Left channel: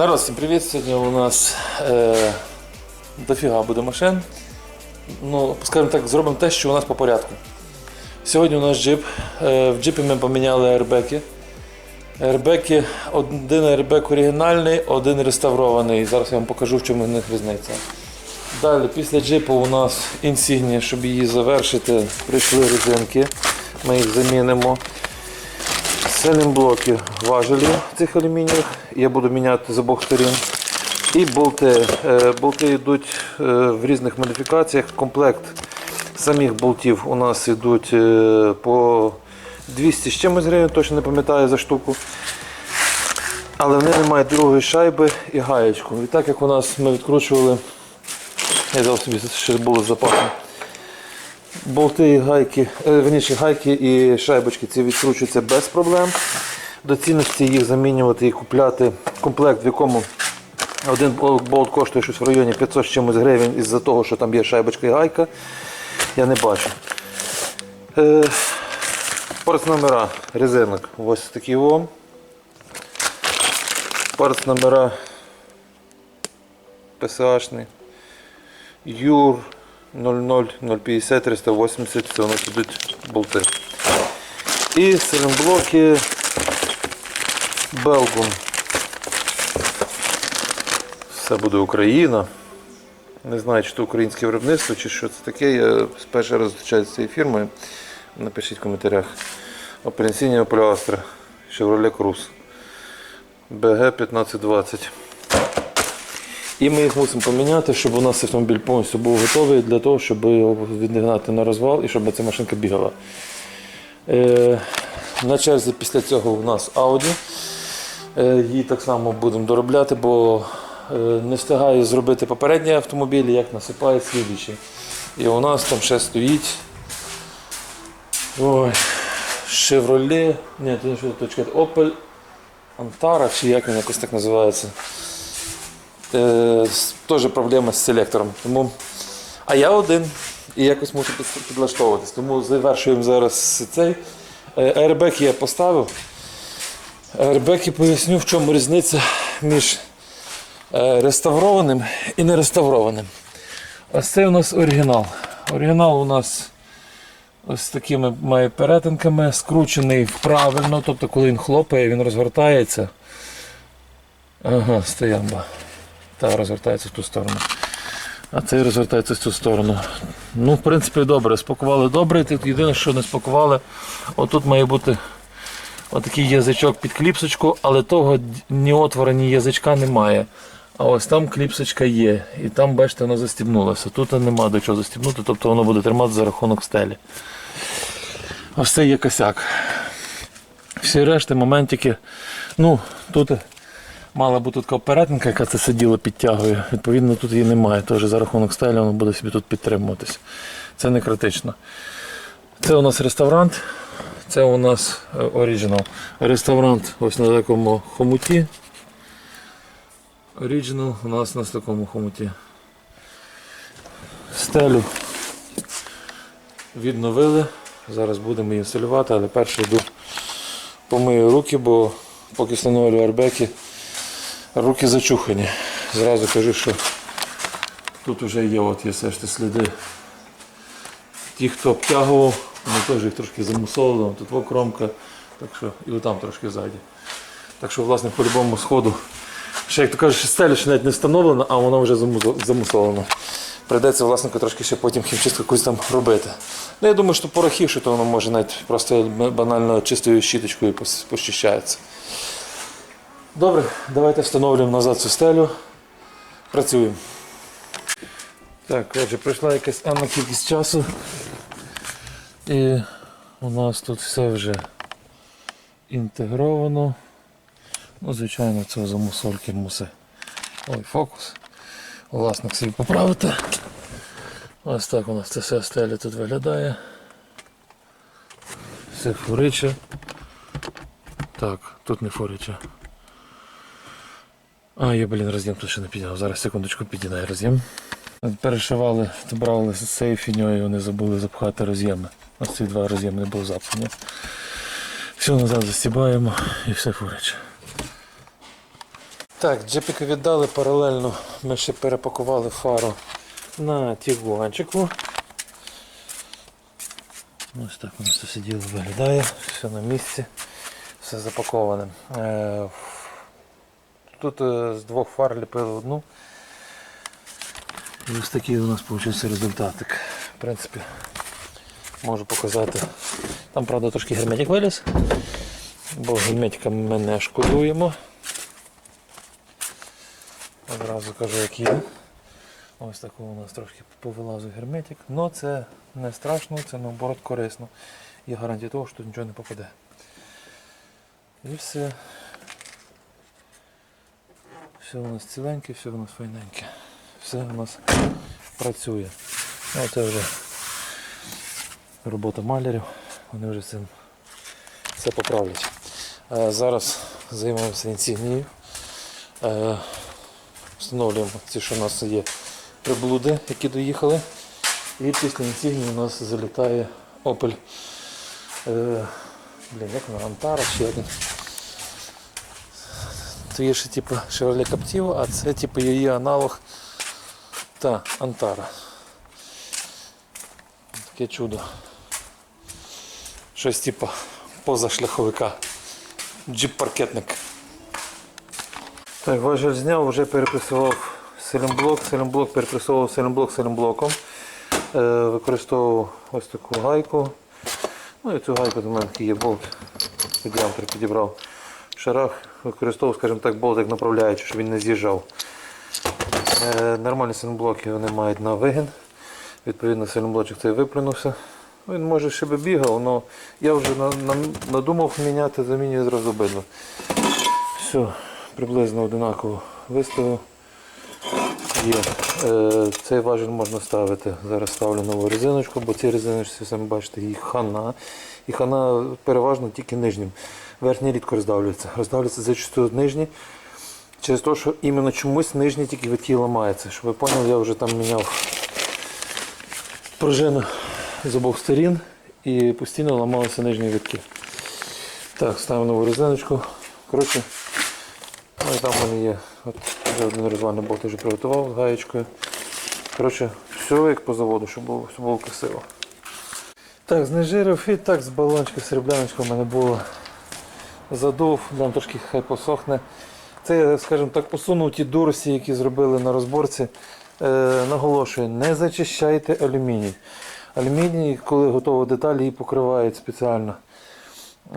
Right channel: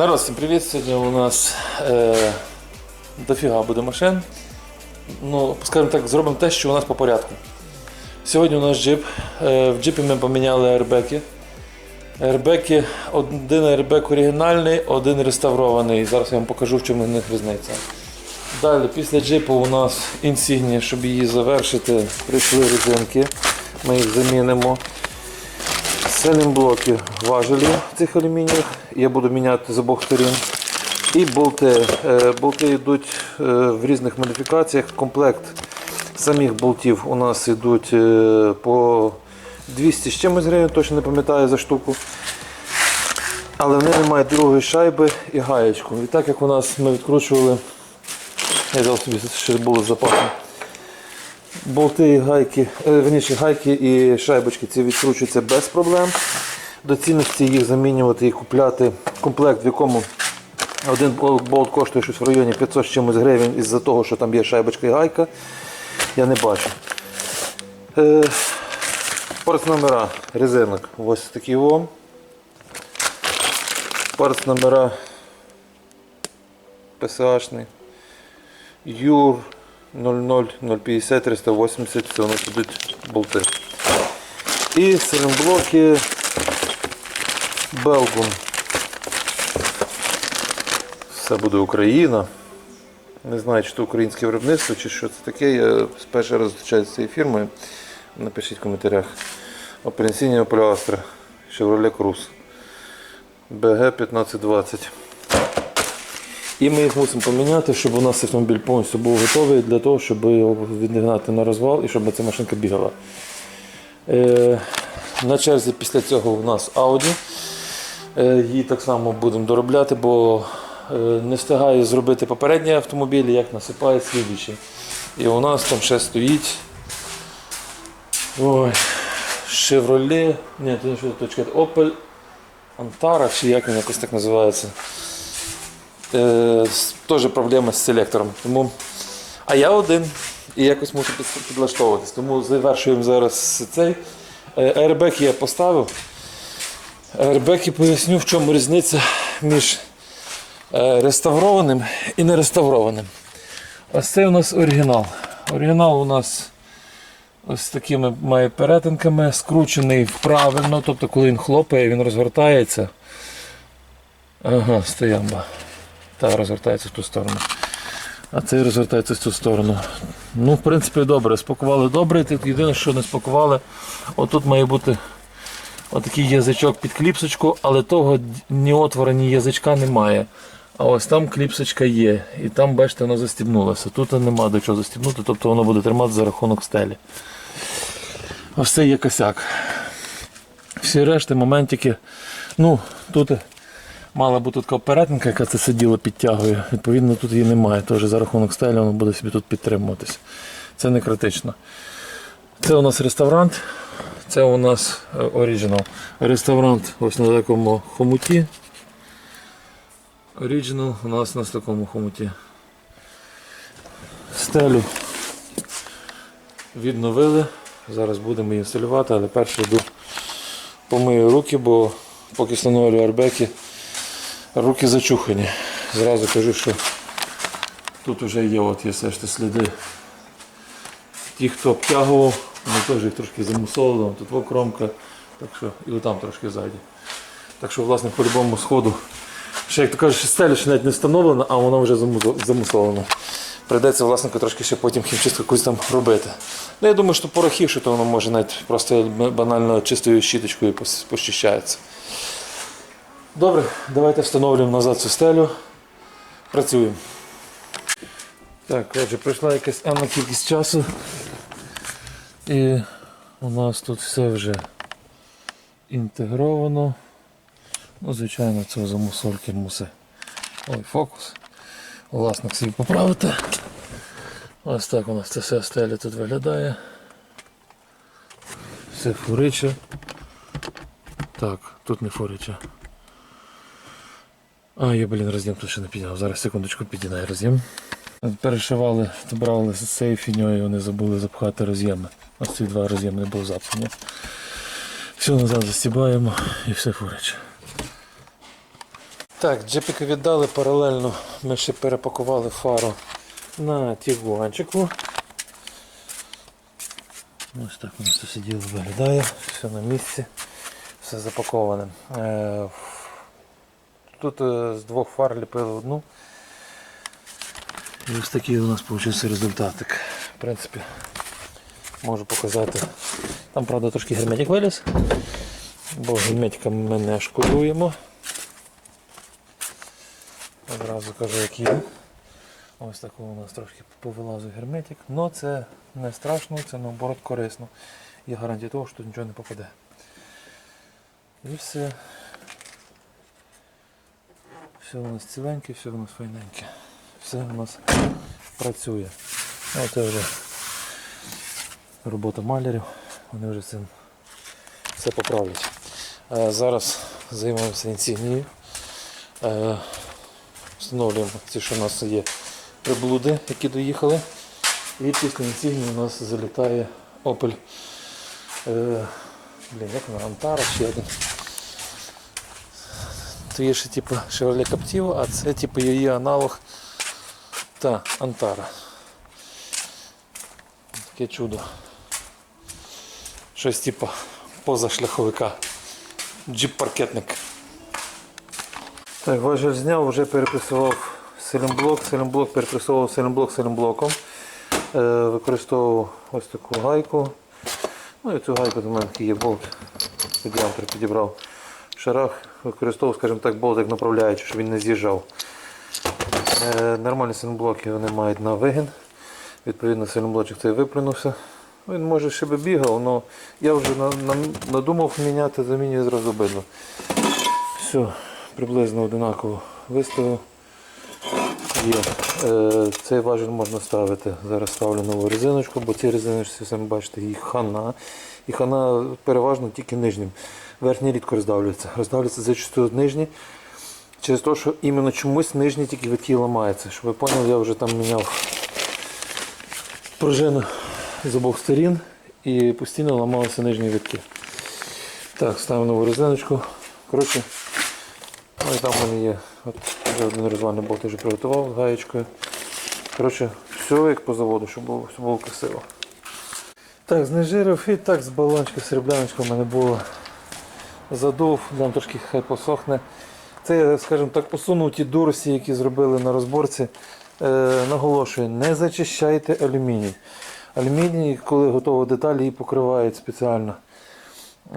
Народ, всім привіт! Сьогодні у нас е, дофіга буде машин. Ну, скажімо так, зробимо те, що у нас по порядку. Сьогодні у нас джип. Е, в джипі ми поміняли аербеки. Аербеки, один аербек оригінальний, один реставрований. Зараз я вам покажу, в чому в них різниця. Далі, після джипу у нас інсігнія, щоб її завершити, прийшли резинки. Ми їх замінимо. Селінблоки важелі цих алюмініїв. Я буду міняти з обох сторін. І болти. Е, Болти йдуть е, в різних модифікаціях. Комплект самих болтів у нас йдуть е, по 200 з чимось гривень, точно не пам'ятаю за штуку. Але вони не мають другої шайби і гаєчку. І так як у нас ми відкручували, я взяв собі ще було з запасом. Болти і гайки, е, верніше, гайки і шайбочки ці відкручуються без проблем. До цінності їх замінювати і купляти комплект, в якому один болт коштує щось в районі 500 з чимось гривень із-за того, що там є шайбочка і гайка. Я не бачу. Е, Парц номера резинок. Ось такі о. Парц номера ПСАшний. Юр 00 050 380 це у нас ідуть болти. І силімблоки Белгун. Все буде Україна. Не знаю, чи це українське виробництво, чи що це таке. Я перший раз зустрічаюся з цією фірмою. Напишіть в коментарях. Операційні Opel Chevrolet Cruze. BG 1520. І ми їх мусимо поміняти, щоб у нас автомобіль повністю був готовий для того, щоб його відігнати на розвал і щоб ця машинка бігала. Е, на черзі після цього у нас Audi. Е, її так само будемо доробляти, бо е, не встигаю зробити попередній автомобіль, як насипає слідуючий. І у нас там ще стоїть. Ой, Chevrolet, ні, точка, Opel Antara, чи як він якось так називається. Е, теж проблема з селектором. Тому... А я один і якось мушу підлаштовуватись. Тому завершуємо зараз цей. Е, Airbag я поставив. Airbag поясню, в чому різниця між е, реставрованим і нереставрованим. Ось це у нас оригінал. Оригінал у нас ось такими має перетинками, скручений правильно, тобто коли він хлопає, він розгортається. Ага, стоямба. Та розвертається в ту сторону. А цей розвертається в цю сторону. Ну, в принципі, добре. Спакували добре. Єдине, що не спакували, отут має бути отакий язичок під кліпсочку, але того ні отвора, ні язичка немає. А ось там кліпсочка є. І там, бачите, воно застібнулося. Тут нема до чого застібнути, тобто воно буде тримати за рахунок стелі. Ось це є косяк. Всі решти моментики. Ну, тут мала бути така перетинка, яка це сиділо підтягує. Відповідно, тут її немає. Тож за рахунок стелі воно буде собі тут підтримуватись. Це не критично. Це у нас реставрант, це у нас е, оригінал. Реставрант ось на такому хомуті. Оригінал у нас на такому хомуті. Стелю відновили. Зараз будемо її інсталювати, але перше йду помию руки, бо поки встановлю арбеки, руки зачухані. Зразу кажу, що тут вже є, от є все ж сліди. Ті, хто обтягував, вони теж їх трошки замусолили, тут во кромка, так що і отам трошки ззаді. Так що, власне, по любому сходу. Ще, як то ще стеля ще навіть не встановлена, а вона вже замусо- замусолена. Прийдеться власнику трошки ще потім хімчистку якусь там робити. Ну, я думаю, що порохів, що то воно може навіть просто банально чистою щіточкою почищається. Добре, давайте встановлюємо назад цю стелю. Працюємо. Так, отже, пройшла якась енна кількість часу. І у нас тут все вже інтегровано. Ну, звичайно, це замусольки мусить. Ой, фокус. Власник свій поправити. Ось так у нас це все стеля тут виглядає. Все фуриче. Так, тут не фуриче. А, я, блін, роз'єм тут ще не підняв. Зараз секундочку підігнаю роз'єм. Перешивали, брали з цією фіньою, вони забули запхати роз'єми. Ось ці два роз'єми не було запхані. Все назад застібаємо і все фурить. Так, джипіки віддали паралельно. Ми ще перепакували фару на тігуанчику. Ось так воно все сиділо виглядає, все на місці, все запаковане. Тут е, з двох фар ліпили одну. І ось такий у нас вийшов результатик. В принципі, можу показати. Там, правда, трошки герметик виліз, бо герметика ми не шкодуємо. Одразу кажу, як є. Ось такий у нас трошки повилазив герметик. але це не страшно, це наоборот корисно. Є гарантія того, що нічого не попаде. І все. Все у нас ціленьке, все у нас файненьке. Все у нас працює. Ну, це вже робота малярів. Вони вже цим все поправлять. Е, Зараз займаємося інсігнією. Е, Встановлюємо ті, що у нас є приблуди, які доїхали. І після інсігнії у нас залітає Opel. Е, блін, як вона? Антара чи як? То є ще типу Chevrolet Captiva, а це типу її аналог та Антара. Таке чудо. Щось типу позашляховика. Джип-паркетник. Так, важель зняв, вже перепресував селімблок, селімблок перепресовував селімблок селімблоком. Е, використовував ось таку гайку. Ну і цю гайку до мене такий є болт. Під підібрав. Шарах використовував, скажімо так, болтик направляючи, щоб він не з'їжджав. Е, нормальні синблоки вони мають на вигін. Відповідно, синблочок цей виплюнувся. Він може ще би бігав, але я вже на- на- надумав міняти, замінюю зразу обидва. Все, приблизно одинаково виставив. Є. Е, цей важіль можна ставити. Зараз ставлю нову резиночку, бо ці резиночці, самі бачите, їх хана. І хана переважно тільки нижнім. Верхній рідко роздавлюється. Роздавлюється зачастую нижні. Через те, що іменно чомусь нижні тільки витки ламаються. Щоб ви поняли, я вже там міняв пружину з обох сторін і постійно ламалися нижні витки. Так, ставимо нову резиночку. Коротше, ну там в мене є от, вже один розвальний болт вже приготував з гаєчкою. Коротше, все як по заводу, щоб було, щоб було красиво. Так, знежирив і так з балончика серебряночка в мене було. Задув, дам трошки хай посохне. Це скажімо так, посунув ті дурості, які зробили на розборці. Е, наголошую, не зачищайте алюміній. Алюміній, коли готова деталь, її покривають спеціально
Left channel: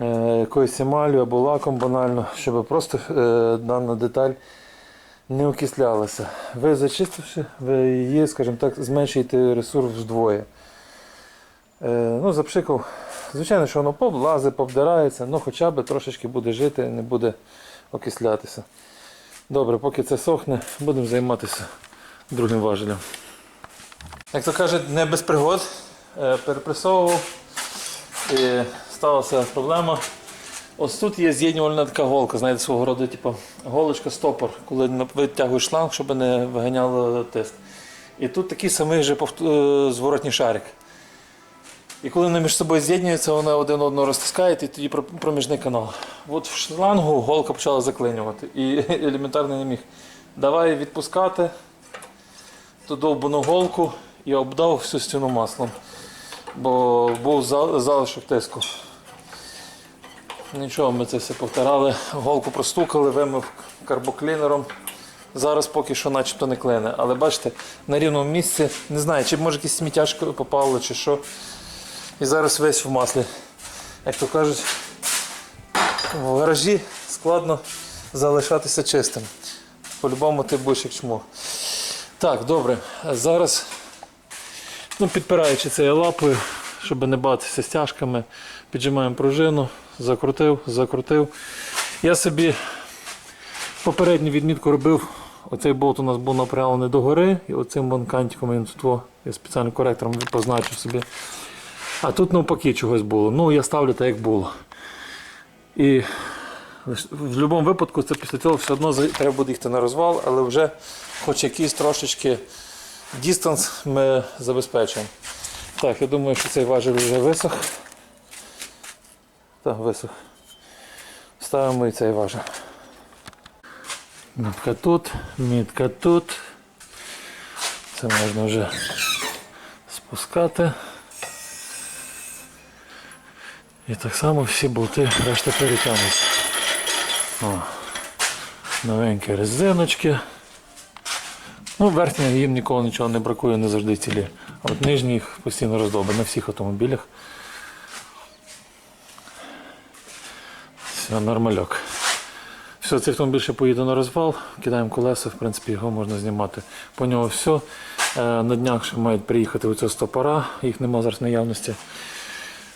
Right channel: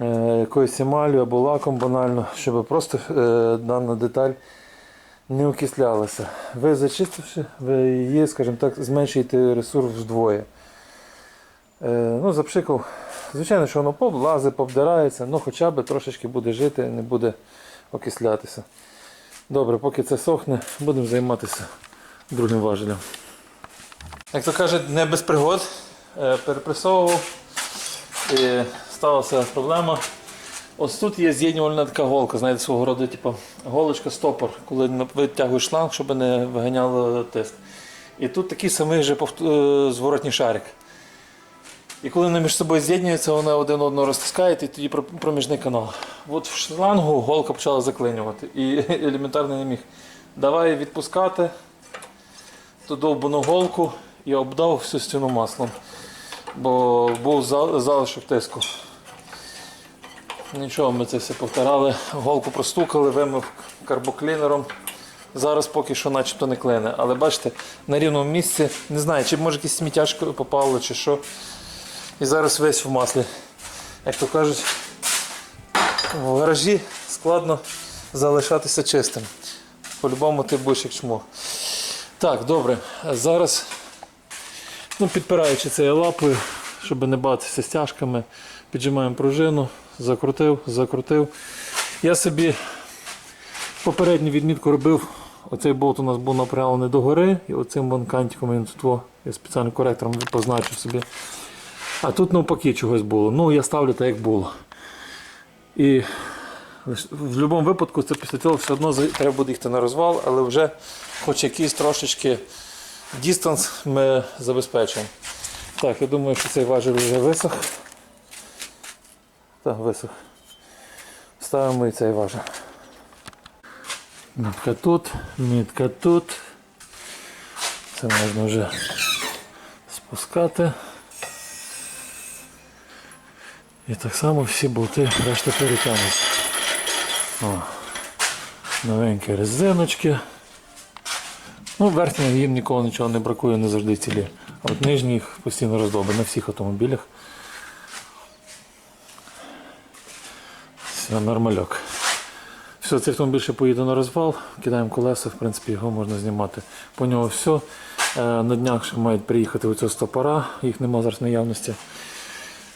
е, якоюсь емалью або лаком банально, щоб просто е, дана деталь не окислялася. Ви зачистивши, ви її, скажімо так, зменшуєте ресурс вдвоє. Е, ну, запшикав. Звичайно, що воно поблазить, повдирається, але хоча б трошечки буде жити, не буде окислятися. Добре, поки це сохне, будемо займатися другим важелем. Як то кажуть, не без пригод. Е, Перепресовував і сталася проблема. Ось тут є з'єднювальна така голка, знаєте, свого роду, типу, голочка стопор, коли витягуєш шланг, щоб не виганяло тиск. І тут такий самий же е, зворотній шарик. І коли вони між собою з'єднуються, вони один одного розтискають і тоді проміжний канал. От в шлангу голка почала заклинювати. І елементарно не міг. Давай відпускати ту довбану голку і обдав всю стіну маслом. Бо був залишок тиску. Нічого, ми це все повторали. Голку простукали, вимив карбоклінером. Зараз поки що начебто не клине. Але бачите, на рівному місці, не знаю, чи може якесь сміттяшко попало, чи що. І зараз весь в маслі. Як то кажуть, в гаражі складно залишатися чистим. По-любому ти будеш як чмо. Так, добре. Зараз, ну, підпираючи це лапою, щоб не батися стяжками, піджимаємо пружину, закрутив, закрутив. Я собі попередню відмітку робив. Оцей болт у нас був напрямлений догори, і оцим вон кантиком він тут я спеціальним коректором позначив собі. А тут навпаки чогось було. Ну, я ставлю так, як було. І в будь-якому випадку це після цього все одно треба буде їхати на розвал, але вже хоч якийсь трошечки дистанс ми забезпечуємо. Так, я думаю, що цей важіль вже висох. Так, висох. Ставимо і цей важіль. Мітка тут, мітка тут. Це можна вже спускати. І так само всі болти решта перетягнуться. Новенькі резиночки. Ну, верхня їм ніколи нічого не бракує, не завжди цілі. А от нижні їх постійно роздоби на всіх автомобілях. Все, нормальок. Все, цей автомобіль ще поїде на розвал, кидаємо колеса, в принципі, його можна знімати. По нього все. Е, На днях ще мають приїхати оці стопора, їх нема зараз наявності.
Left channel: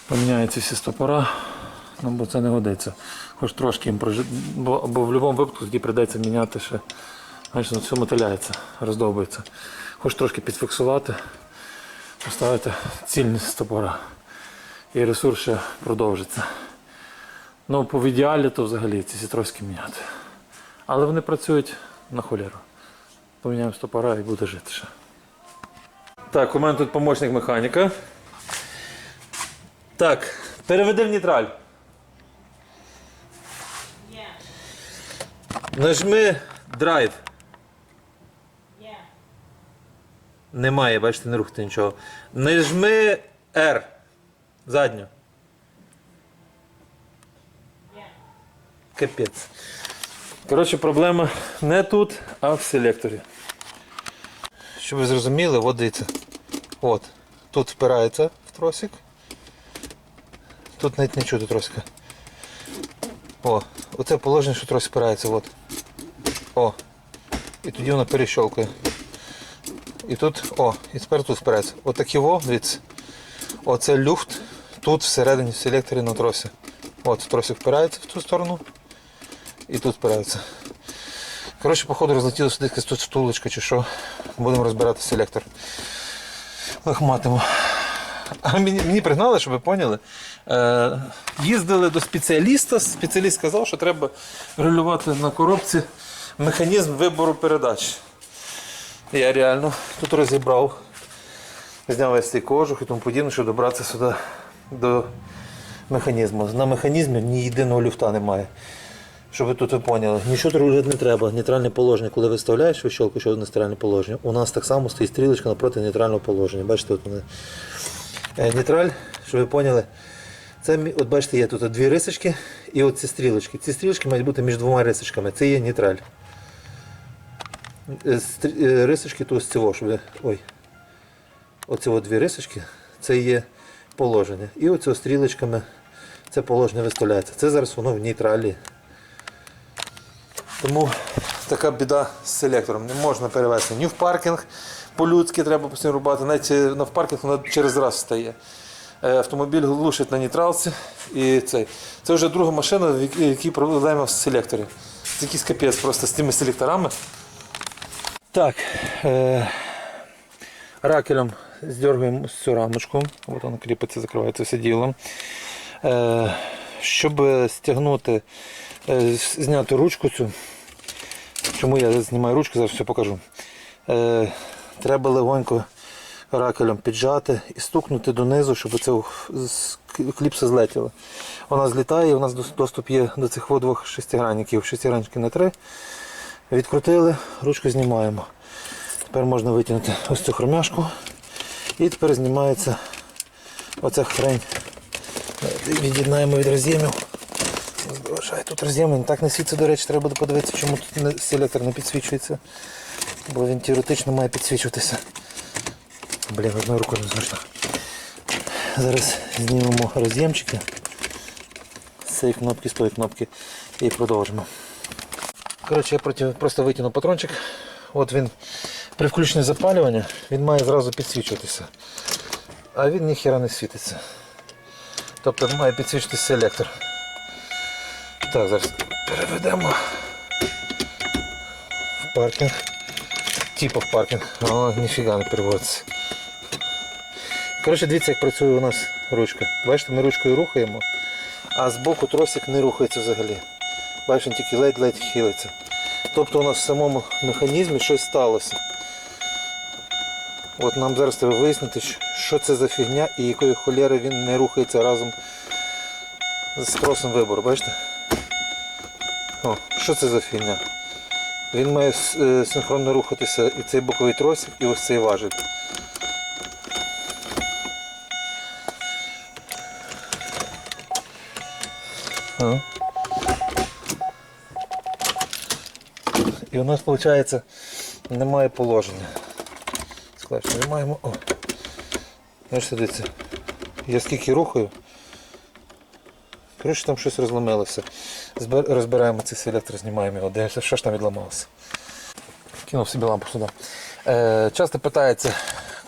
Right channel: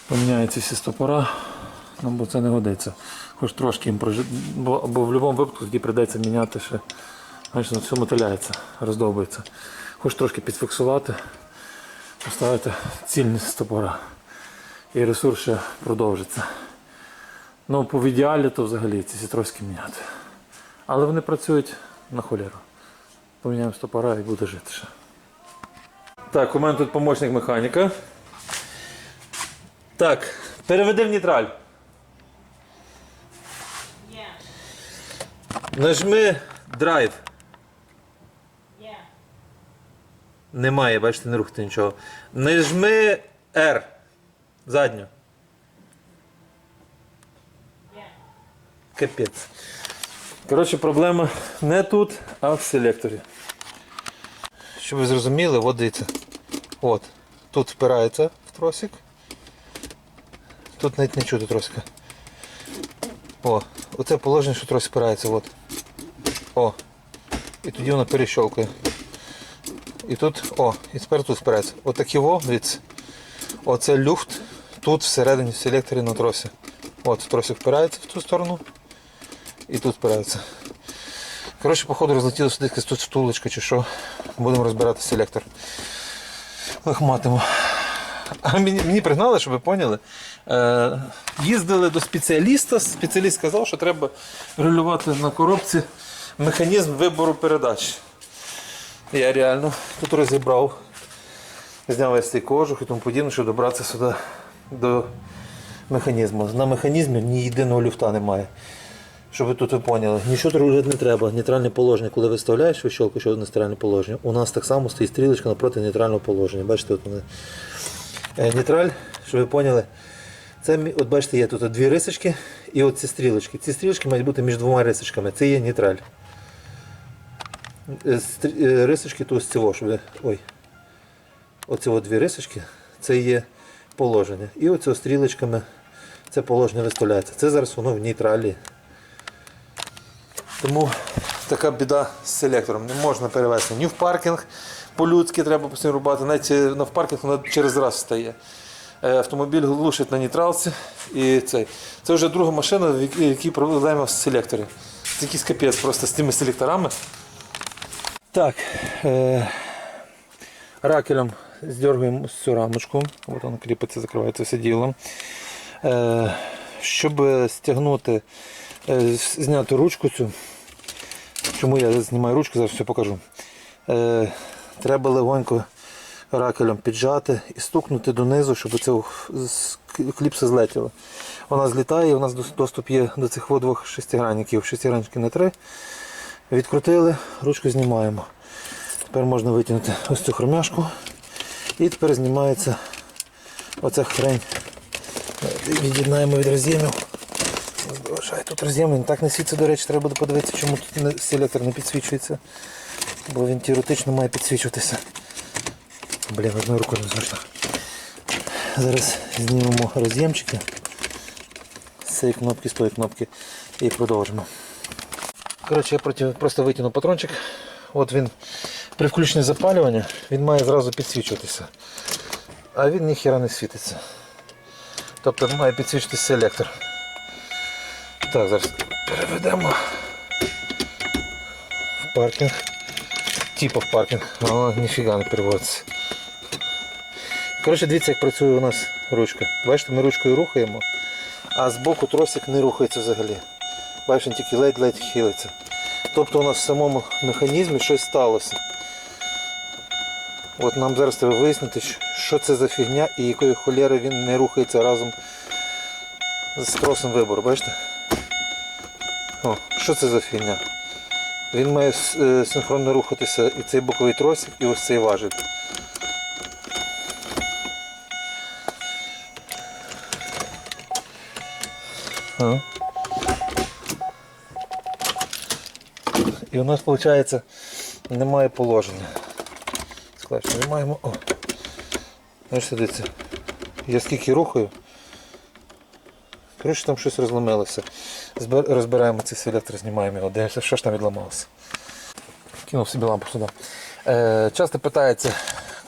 Поміняються всі стопора, ну, бо це не годиться. Хоч трошки їм прожи... бо, бо в будь-якому випадку тоді прийдеться міняти ще. Знаєш, все мотиляється, роздовбується. Хоч трошки підфіксувати, поставити цільні стопора. І ресурс ще продовжиться. Ну, по ідеалі, то взагалі ці сітровські міняти. Але вони працюють на холєру. Поміняємо стопора і буде жити ще. Так, у мене тут помічник механіка. Так, переведи в нейтраль. Yeah, Нажми драйв. Немає, бачите, не рухати нічого. Нажми R. Задню. Капець. Коротше, проблема не тут, а в селекторі. Щоб ви зрозуміли, от дивіться. От. Тут впирається в тросик. Тут навіть не чути тросика. О, оце положення, що тросик впирається. От. О. І тоді воно перещолкує. І тут, о, і тепер тут впирається. Отакі во, дивіться. Оце люфт тут всередині в селекторі на тросі. От тросик впирається в ту сторону і тут впирається. Коротше, походу розлетілося десь тут втулочка чи що. Будемо розбирати селектор. Лохматимо. А мені, мені пригнали, щоб ви поняли. Е, їздили до спеціаліста. Спеціаліст сказав, що треба регулювати на коробці механізм вибору передач. Я реально тут розібрав, зняв весь цей кожух і тому подібне, щоб добратися сюди до механізму. На механізмі ні єдиного люфта немає. Щоб ви тут ви поняли, нічого робити не треба. Нейтральне положення, коли виставляєш вищолку, що нейтральне положення, у нас так само стоїть стрілочка напроти нейтрального положення. Бачите, от вони. Е, Нейтраль, щоб ви поняли, це от бачите, є тут дві рисочки і от ці стрілочки. Ці стрілочки мають бути між двома рисочками. Це є нейтраль. Е, е, Рисочки то ось цього, щоб ви. Ой. Оці дві рисочки, це є положення. І оце стрілочками це положення виставляється. Це зараз воно в нейтралі. Тому така біда з селектором. Не можна перевести ні в паркінг по-людськи треба постійно рубати, навіть е, на в паркінг вона через раз стає. Е, Автомобіль глушить на нейтралці. І цей. Це вже друга машина, в якій- проблема в селекторі. Це якийсь капець просто з тими селекторами. Так. Е- ракелем здергуємо цю рамочку. От вона кріпиться, закривається все ділом. Е- щоб стягнути, е, зняти ручку цю. Чому я знімаю ручку, зараз все покажу. Е, треба легонько ракелем піджати і стукнути донизу, щоб це кліпса злетіло. Вона злітає, у нас доступ є до цих двох шестигранників. Шестигранники на три. Відкрутили, ручку знімаємо. Тепер можна витягнути ось цю хромяшку. І тепер знімається оця хрень. Від'єднаємо від роз'ємів. Залишай тут роз'єми. Так не світиться, до речі, треба буде подивитися, чому тут селектор не підсвічується. Бо він теоретично має підсвічуватися. Блін, одною рукою не зручно. Зараз знімемо роз'ємчики з цієї кнопки, з тої кнопки і продовжимо. Коротше, я просто витягну патрончик. От він при включенні запалювання він має зразу підсвічуватися. А він ніхіра не світиться. Тобто має підсвічитися селектор. Так, зараз переведемо в паркінг. Типа в паркінг, але ніфіга не переводиться. Коротше, дивіться, як працює у нас ручка. Бачите, ми ручкою рухаємо, а збоку тросик не рухається взагалі. Бачите, він тільки ледь-ледь хилиться. Тобто у нас в самому механізмі щось сталося. От нам зараз треба вияснити, що це за фігня і якої холєри він не рухається разом з тросом вибору. Бачите? О, що це за фігня? Він має е, синхронно рухатися і цей боковий тросик, і ось цей важіль. А. І у нас виходить немає положення. Склад, що ми маємо. О. Знаєш, дивіться. Я скільки рухаю. Коротше, там щось розломилося. Розбираємо цей селектор, знімаємо його, дивимося, що ж там відламалося. Кинув собі лампу сюди. Е, часто питається,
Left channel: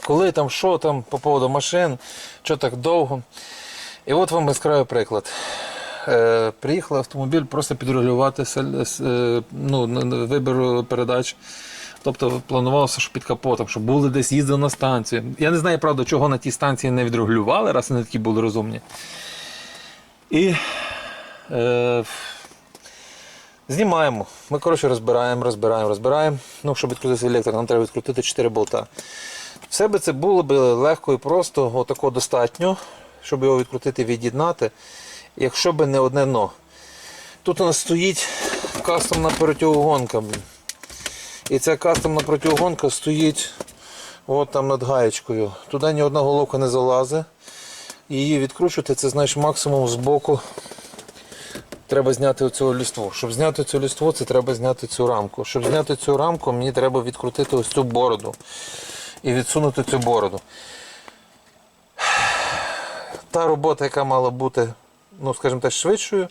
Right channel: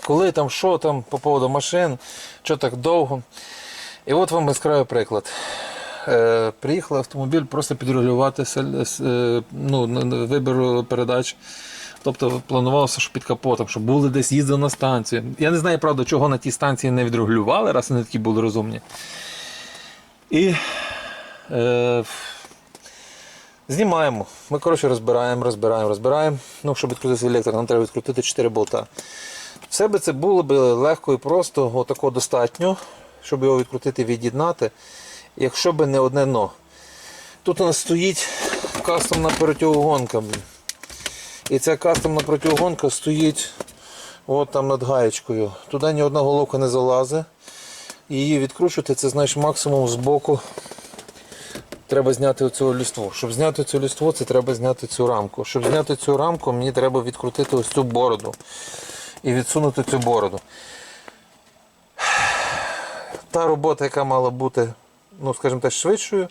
коли там, що там по поводу машин, що так довго. І от вам яскравий приклад. Е, приїхав автомобіль просто підрегулювати е, ну, вибір передач. Тобто планувалося, що під капотом, щоб були десь їздили на станцію. Я не знаю, правда, чого на тій станції не відрегулювали, раз вони такі були розумні. І е, знімаємо. Ми, коротше, розбираємо, розбираємо, розбираємо. Ну, щоб відкрутити електро, нам треба відкрутити 4 болта. Все би це було б легко і просто, отако достатньо, щоб його відкрутити, від'єднати, якщо б не одне но. Тут у нас стоїть кастомна противогонка. блін. І ця кастомна противогонка стоїть от там над гаєчкою. Туди ні одна головка не залазить. Її відкручувати, це знаєш максимум з боку. Треба зняти оцю ліству. Щоб зняти цю ліству, це треба зняти цю рамку. Щоб зняти цю рамку, мені треба відкрутити ось цю бороду і відсунути цю бороду. Та робота, яка мала бути, ну, скажімо так, швидшою,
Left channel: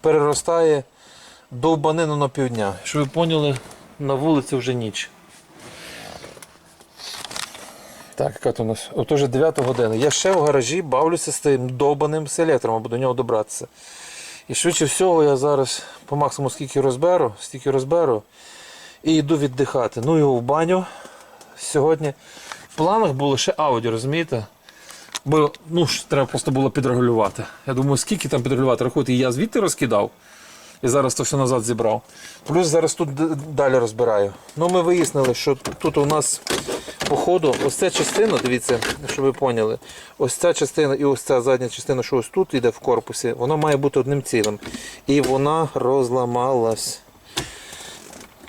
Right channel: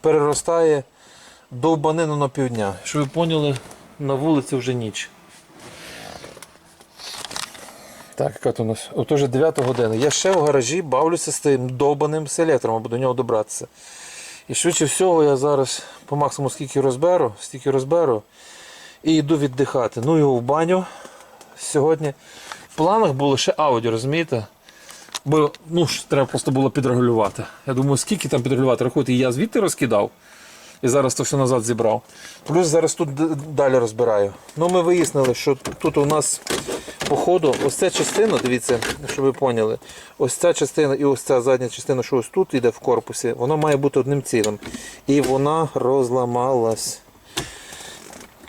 переростає довбанину на півдня. Щоб ви поняли, на вулиці вже ніч. Так, яка у нас? От уже 9 година. Я ще в гаражі бавлюся з тим довбаним селектором, аби до нього добратися. І швидше всього я зараз по максимуму скільки розберу, стільки розберу і йду віддихати. Ну і в баню сьогодні. В планах було ще аудіо, розумієте? Бо ну, треба просто було підрегулювати. Я думаю, скільки там підрегулювати? Рахуйте, я звідти розкидав і зараз то все назад зібрав. Плюс зараз тут далі розбираю. Ну ми вияснили, що тут у нас по ходу ось ця частина, дивіться, щоб ви поняли, ось ця частина і ось ця задня частина, що ось тут йде в корпусі, воно має бути одним цілим. І вона розламалась.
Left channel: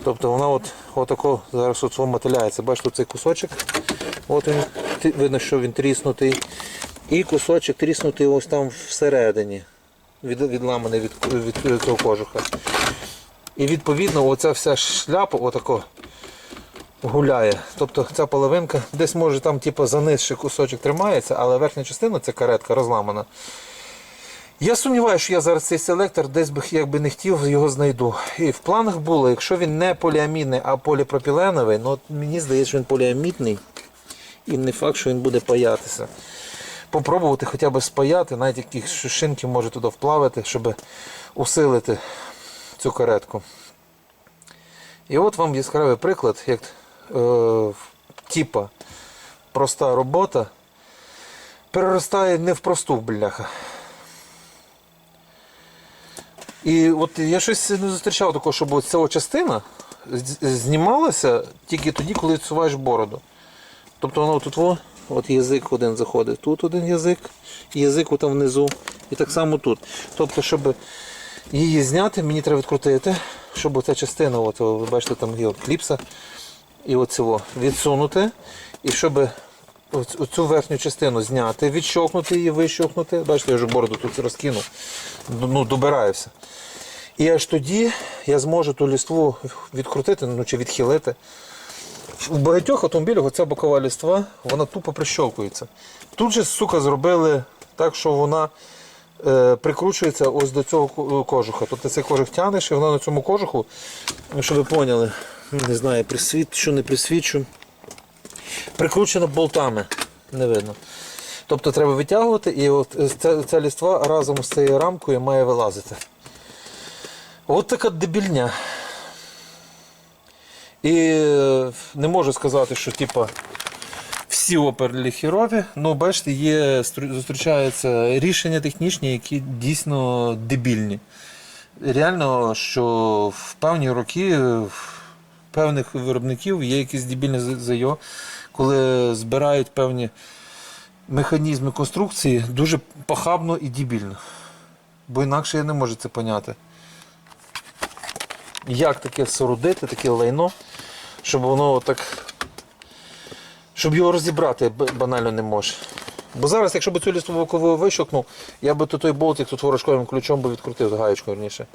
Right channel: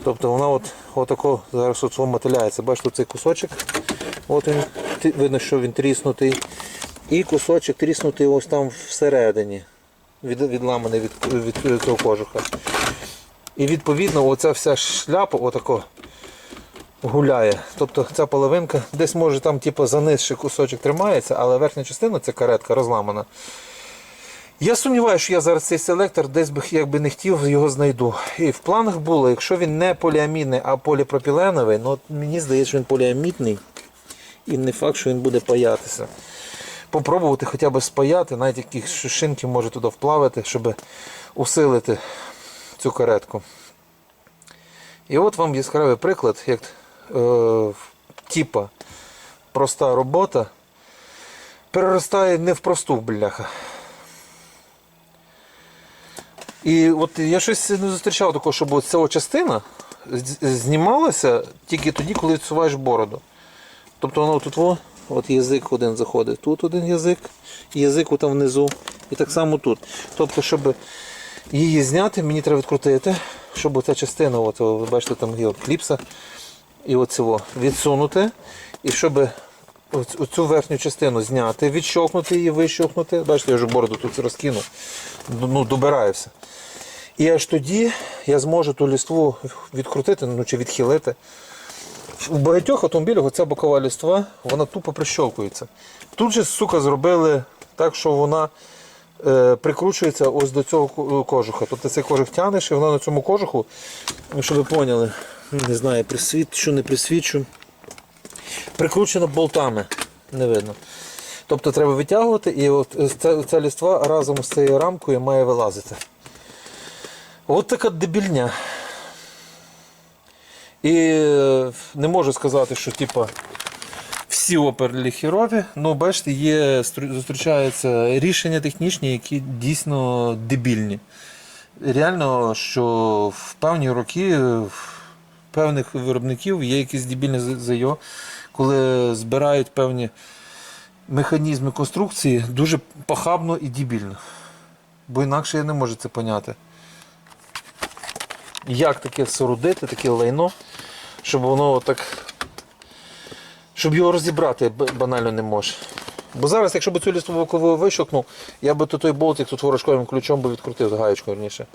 Тобто вона от, отако зараз от мотиляється. Бачите, цей кусочок. От він, видно, що він тріснутий. І кусочок тріснутий ось там всередині. Від, відламаний від, від цього кожуха. І відповідно оця вся шляпа отако гуляє. Тобто ця половинка десь може там типу, за низ ще кусочок тримається, але верхня частина, ця каретка розламана. Я сумніваюся, що я зараз цей селектор десь би якби не хотів, його знайду. І в планах було, якщо він не поліамідний, а поліпропіленовий, ну мені здається, що він поліамідний. І не факт, що він буде паятися. Попробувати хоча б спаяти, навіть якісь шинки може туди вплавити, щоб усилити цю каретку. І от вам яскравий приклад, як е, типа проста робота переростає не в просту бляха. І от я щось не зустрічав такого, щоб ця частина знімалася тільки тоді, коли відсуваєш бороду. Тобто воно тут во, от язик один заходить, тут один язик, язик там внизу. І так само тут. Тобто, щоб її зняти, мені треба відкрутити, щоб ця частина, от, ви бачите, там є кліпса, і оцього відсунути. І щоб оцю верхню частину зняти, відщовкнути її, вищовкнути. Бачите, я вже бороду тут розкинув, ну, добираюся. І аж тоді я зможу ту ліству відкрутити ну, чи відхилити. У багатьох автомобілях оця бокова ліства, вона тупо прищовкується. Тут же, сука, зробили так, що вона е, прикручується ось до цього ко- кожуха. Тобто цей кожух тянеш, і вона на цьому кожуху, щоб ви поняли, не знаю, присвічу, не присвічу. Прикручено болтами. Не видно. Тобто треба витягувати, і от е, ця, ця ліства разом з цією рамкою має вилазити. От така дебільня. І е, не можу сказати, що типа, всі опери хірові, ну бачите, є, зустрічаються рішення технічні, які дійсно дебільні. Реально, що в певні роки в певних виробників є якісь дебільні ЗЙО, коли збирають певні механізми конструкції дуже похабно і дебільно. Бо інакше я не можу це поняти. як таке сорудити, таке лайно, щоб воно так. Щоб його розібрати банально не може. Бо зараз, якщо б цю лістову бокову вищокнув, я би то той болтик тут ворожковим ключом би відкрутив гаєчкою верніше.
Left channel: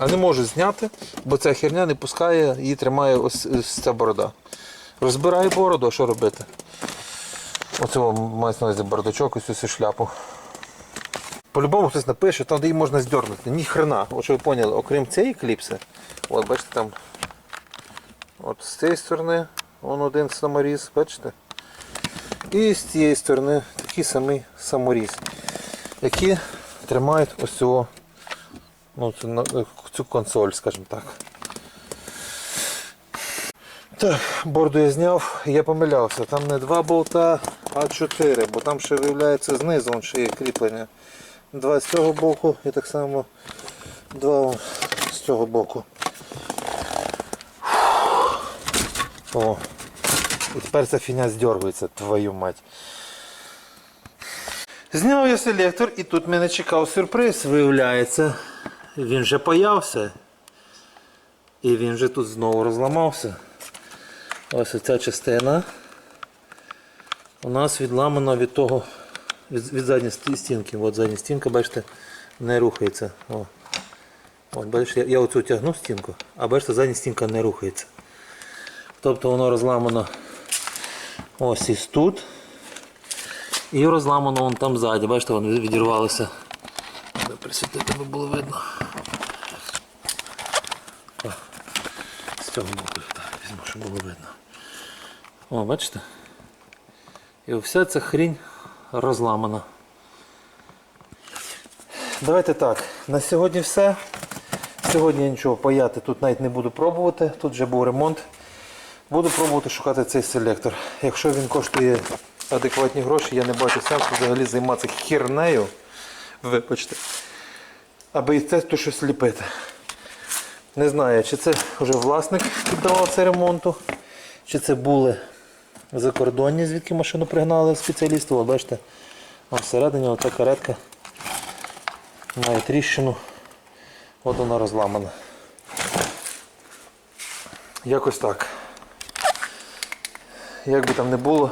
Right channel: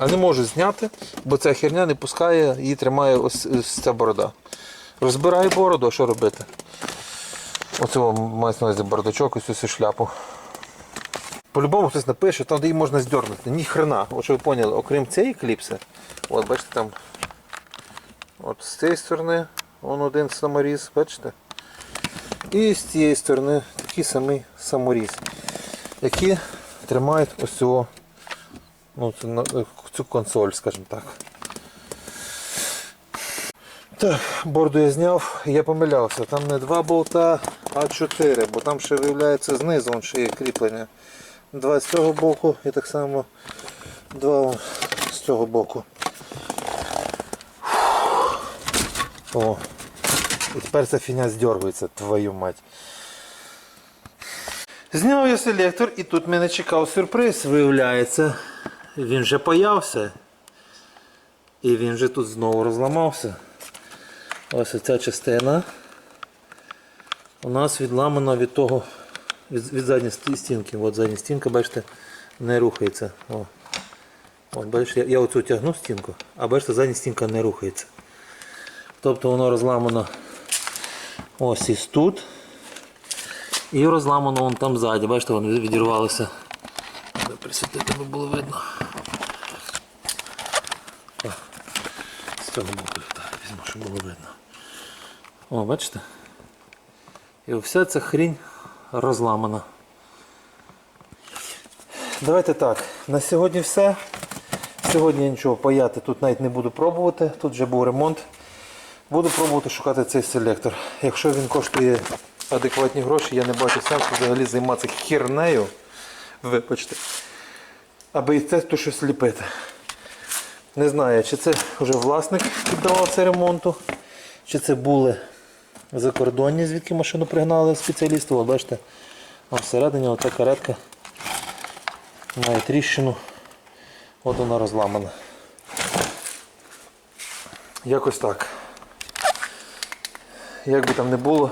А не можу зняти, бо ця херня не пускає, її тримає ось, ось ця борода. Розбираю бороду, а що робити? Оцього мається на увазі бардачок, ось цю шляпу. По-любому хтось напише, там де її можна здернути. Ні хрена. От що ви поняли, окрім цієї кліпси, от бачите там. От з цієї сторони вон один саморіз, бачите? І з цієї сторони такий самий саморіз, які тримають ось цього, ну, цю, цю консоль, скажімо так. Так, борду я зняв, я помилявся. Там не два болта, а чотири, бо там ще виявляється знизу вон ще є кріплення. Два з цього боку і так само два з цього боку. О. І тепер ця фіня здергується, твою мать. Зняв я селектор і тут мене чекав сюрприз, виявляється. Він вже появся. І він вже тут знову розламався. Ось ця частина у нас відламана від того, від, від задньої стінки. От задня стінка, бачите, не рухається. О. От, бачиш, я, оцю тягну стінку, а бачите, задня стінка не рухається. Тобто воно розламано ось із тут. І розламано вон там ззаді. Бачите, воно відірвалося. Присвітити, аби було видно. О, з цього боку так, візьму, щоб було видно. О, бачите? І вся ця хрінь розламана. Давайте так. На сьогодні все. Сьогодні я нічого паяти тут навіть не буду пробувати. Тут вже був ремонт. Буду пробувати шукати цей селектор. Якщо він коштує адекватні гроші, я не бачу сенсу взагалі займатися хернею. Вибачте. Аби і це то щось ліпити. Не знаю, чи це вже власник піддавав це ремонту, чи це були закордонні, звідки машину пригнали спеціалісти. От бачите, всередині оця каретка має тріщину. От вона розламана. Якось так. Як би там не було,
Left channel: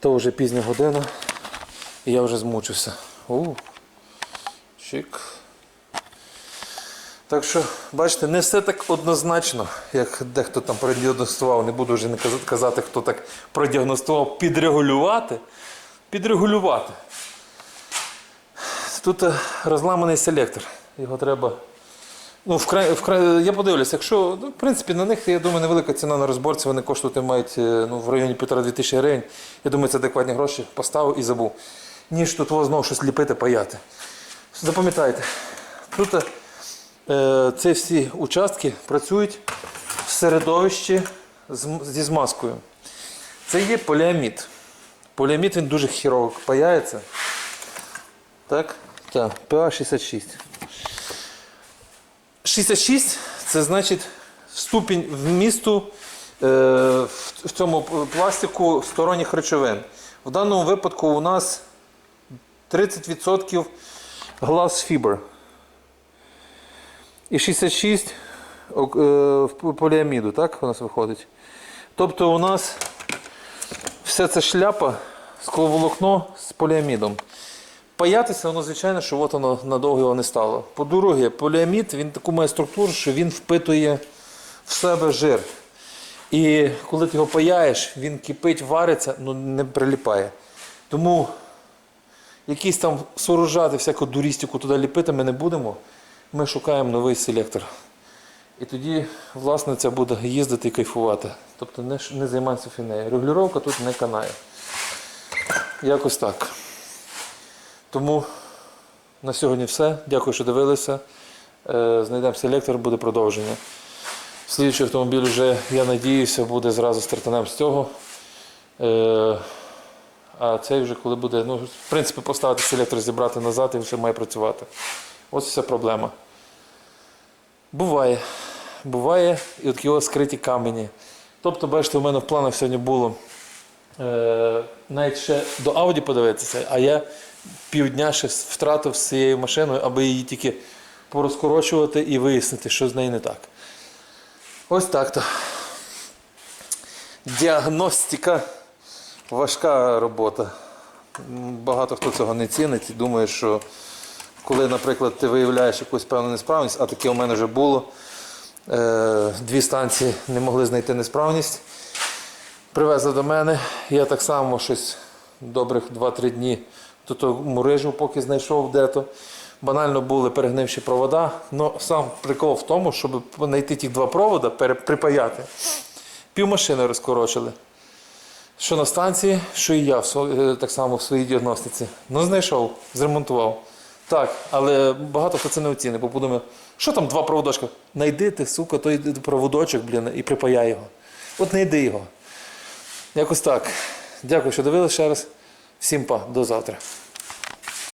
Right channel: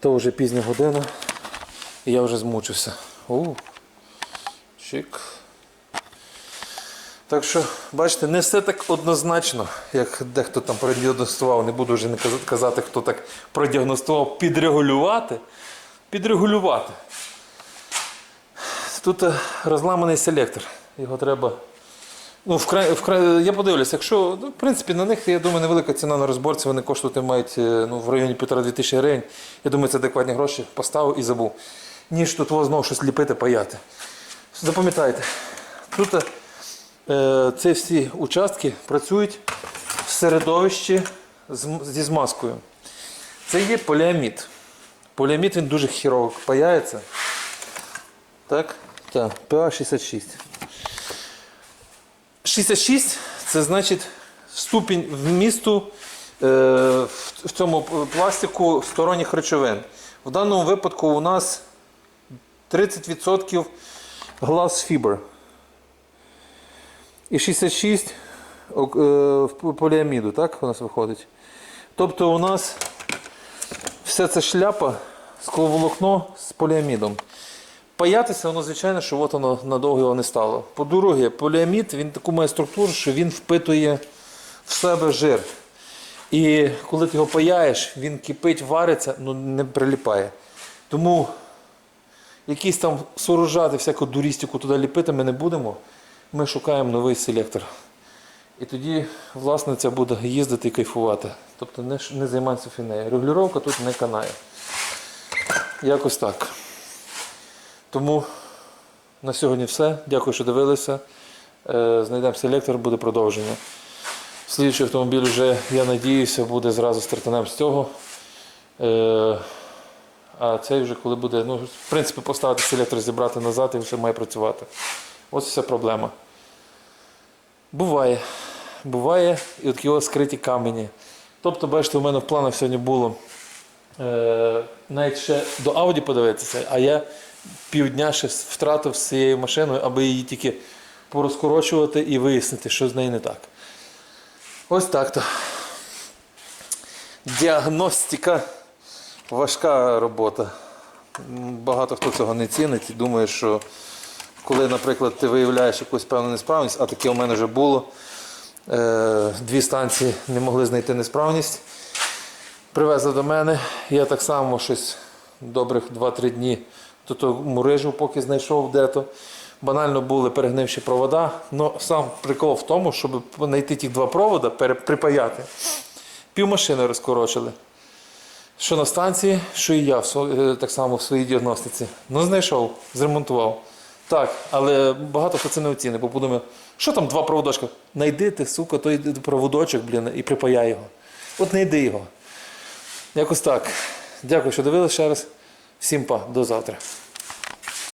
то вже пізня година і я вже змучився. У, чик. Так що, бачите, не все так однозначно, як дехто там продіагностував. Не буду вже не казати- хто так продіагностував, підрегулювати. Підрегулювати. Тут е, розламаний селектор. Його треба. Ну, вкрай, вкрай, я подивлюся, якщо, ну, в принципі, на них, я думаю, невелика ціна на розборці, вони коштувати мають е, ну, в районі 1,5-2 тисячі гривень. Я думаю, це адекватні гроші поставив і забув. Ніж тут знову щось ліпити, паяти. Запам'ятайте, тут е, ці всі участки працюють в середовищі зі змазкою. Це є поліамід. Поліамід він дуже хірово паяється. Так? Так, PA 66. 66 це значить ступінь вмісту е, в, цьому пластику сторонніх речовин. В даному випадку у нас 30% glass fiber. І 66 е, в поліаміду, так у нас виходить. Тобто у нас вся ця шляпа, скловолокно з поліамідом. Паятися, воно, звичайно, що от воно надовго не стало. По-друге, поліамід він таку має структуру, що він впитує в себе жир. І коли ти його паяєш, він кипить, вариться, ну не приліпає. Тому якісь там сооружати, всяку дурістику туди ліпити ми не будемо. Ми шукаємо новий селектор. І тоді власниця буде їздити і кайфувати. Тобто не, не займатися фінею. Регулювання тут не канає. Якось так. Тому на сьогодні все. Дякую, що дивилися. Е, Знайдемо селектор, буде продовження. Слідчий автомобіль вже, я надіюся, буде зразу стартанем з цього. Е, А цей вже коли буде, ну, в принципі, поставити селектор, зібрати назад і все має працювати. Ось вся проблема. Буває. Буває і от його скриті камені. Тобто, бачите, у мене в планах сьогодні було е, навіть ще до Audi подивитися, а я півдня ще втратив з цією машиною, аби її тільки порозкорочувати і вияснити, що з нею не так. Ось так то. Діагностика важка робота. Багато хто цього не цінить і думає, що коли, наприклад, ти виявляєш якусь певну несправність, а таке у мене вже було. Е, Дві станції не могли знайти несправність. Привезли до мене. Я так само щось добрих 2-3 дні до того мурижу, поки знайшов де-то. Банально були перегнивші провода. Ну, сам прикол в тому, щоб знайти ті два провода, припаяти. Пів машини розкорочили. Що на станції, що і я е, так само в своїй діагностиці. Ну, знайшов, зремонтував. Так, але багато хто це не оцінить, бо подумає, що там два проводочка? Найди ти, сука, той проводочок, блін, і припаяй його. От знайди його. Якось так. Дякую, що дивилися ще раз. Всім па, до завтра.